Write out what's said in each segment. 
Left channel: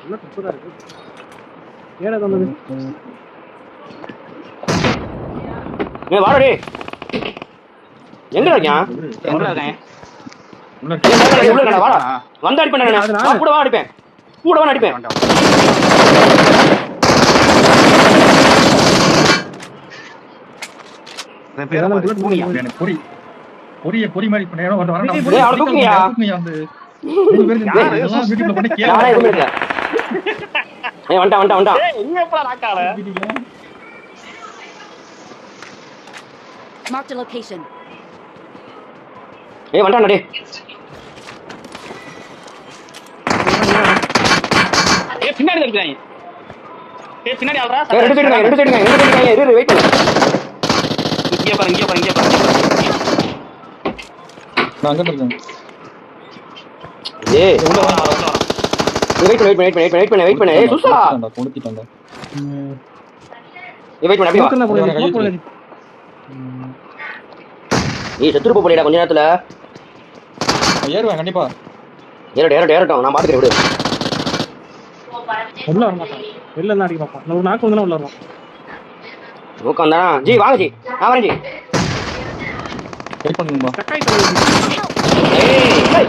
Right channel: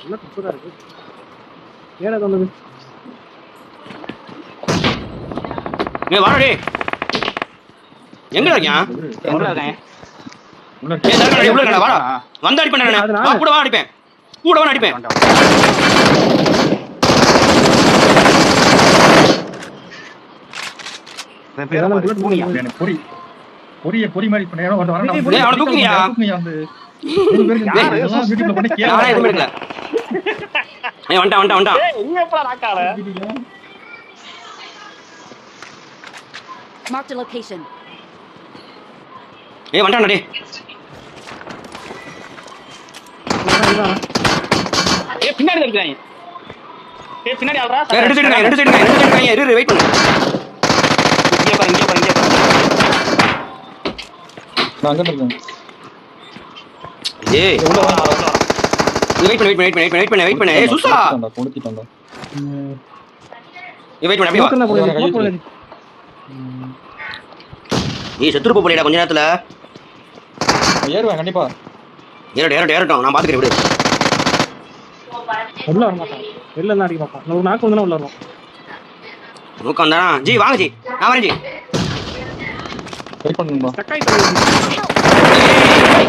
நல்லா குப்பதாக இருக்கு. ஏடா தந்தது ஏ வாடா எங்க இருக்கீங்க எங்க இருக்கீங்க வந்து அடிப்பேன் கூட வா அடிப்பேன். கூட வா அடிப்பேன். பொறிய பொரிய பொறி மாதிரி ஏய் வண்டா வண்டா வண்டா. ஏய் நீ எப்படா நாக்கால மார்க் தி லொகேஷன் ஏய் வண்டா டேய். பின்னாடி பின்னாடி வெயிட் பண்ணு வெயிட் பண்ணு வெயிட் பண்ணு வெயிட் பண்ணு ஏய் சுசா கொளுத்திட்டான்டா ஏய் வெயிட் பண்ணு அப்படியே வா. ஏய் செத்துரு போலிடா கொஞ்ச நேரத்துல. ஏறுவேன் கண்டிப்பா. ஏறட்டும் நான் பாத்துக்கிறேன் விடு. உள்ள வர மாட்டான். வெளில தான் அடிக்க பார்ப்பான் ஒரு நாக்கு வந்து உள்ள வருவான். நோக்கம் தானா ஜி வாங்க ஜி. நான் வரேன் ஜி. வெயிட் சக்காய். ஏய்,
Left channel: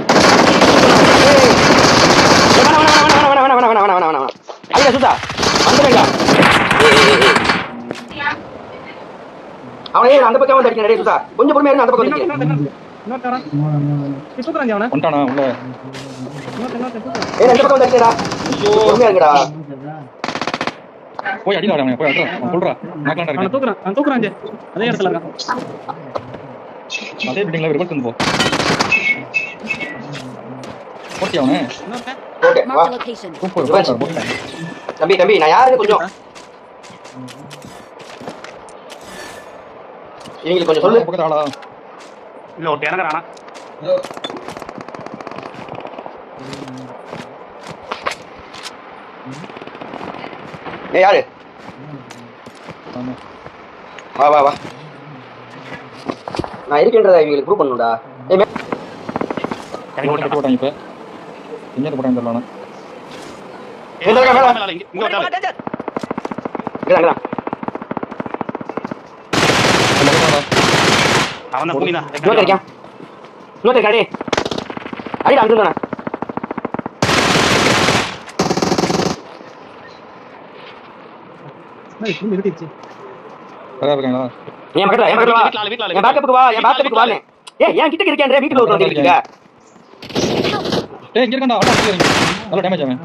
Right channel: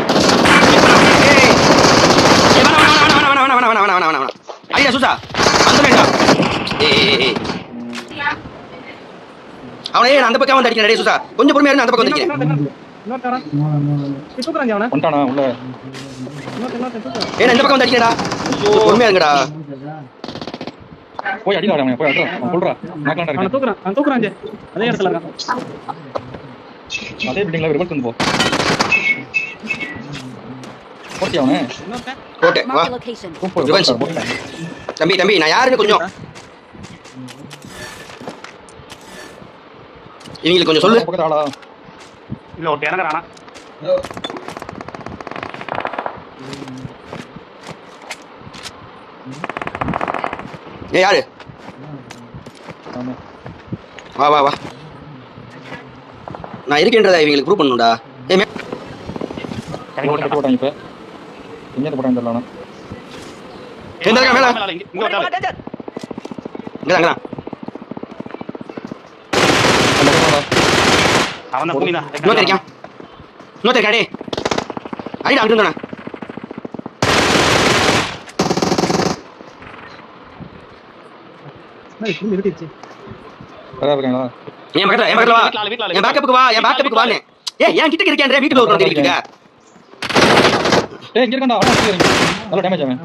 ஏய், ஏய், ஏய். அவனே அந்த பக்கம் வந்து அடிக்கிறேன். டேய் சுசா கொஞ்சம் பொறுமையா இருந்து அந்த பக்கம் வந்து அவனை வந்துட்டானா? உள்ள. ஏய் இந்த பக்கம் அடிக்கிறேன்டா. பொறுமையா இருங்கடா. போய் அடிடா அவனை போய் அடிடா அவன் சொல்றா நாக்கலாம் அவனை இருக்கேன் தூக்குறான் அவன் தூக்குறான் ஜே அதே இடத்துல இருக்கான். அதே பில்டிங்ல ரிவர்ஸ் வந்து போ. ஓட்டியாவனே தம்பி தம்பி நான் யாருக்கு கொஞ்சம்? இவங்களுக்கு கொஞ்சம் சொல்லு. பக்கத்துல இல்ல ஓட்டே எனக்கு ஏய் யாரு? வா வா வா. நான் இருக்கேன்றதை இவங்களுக்கு ப்ரூவ் பண்ணுடா ஏ போட்டாங்க இப்போ. ഇങ്ങോട്ട് കൂടെ എന്താണ് என் பக்கத்துல என் பக்கத்துல என் பேக்கப்புக்கு வா என் ஏன் கிட்ட இருக்கேன் வீட்டுக்கு இருக்கீங்க? டேய் இங்க இருக்கடா ஆட்டோ நல்ல டேமேஜ் ஆகும்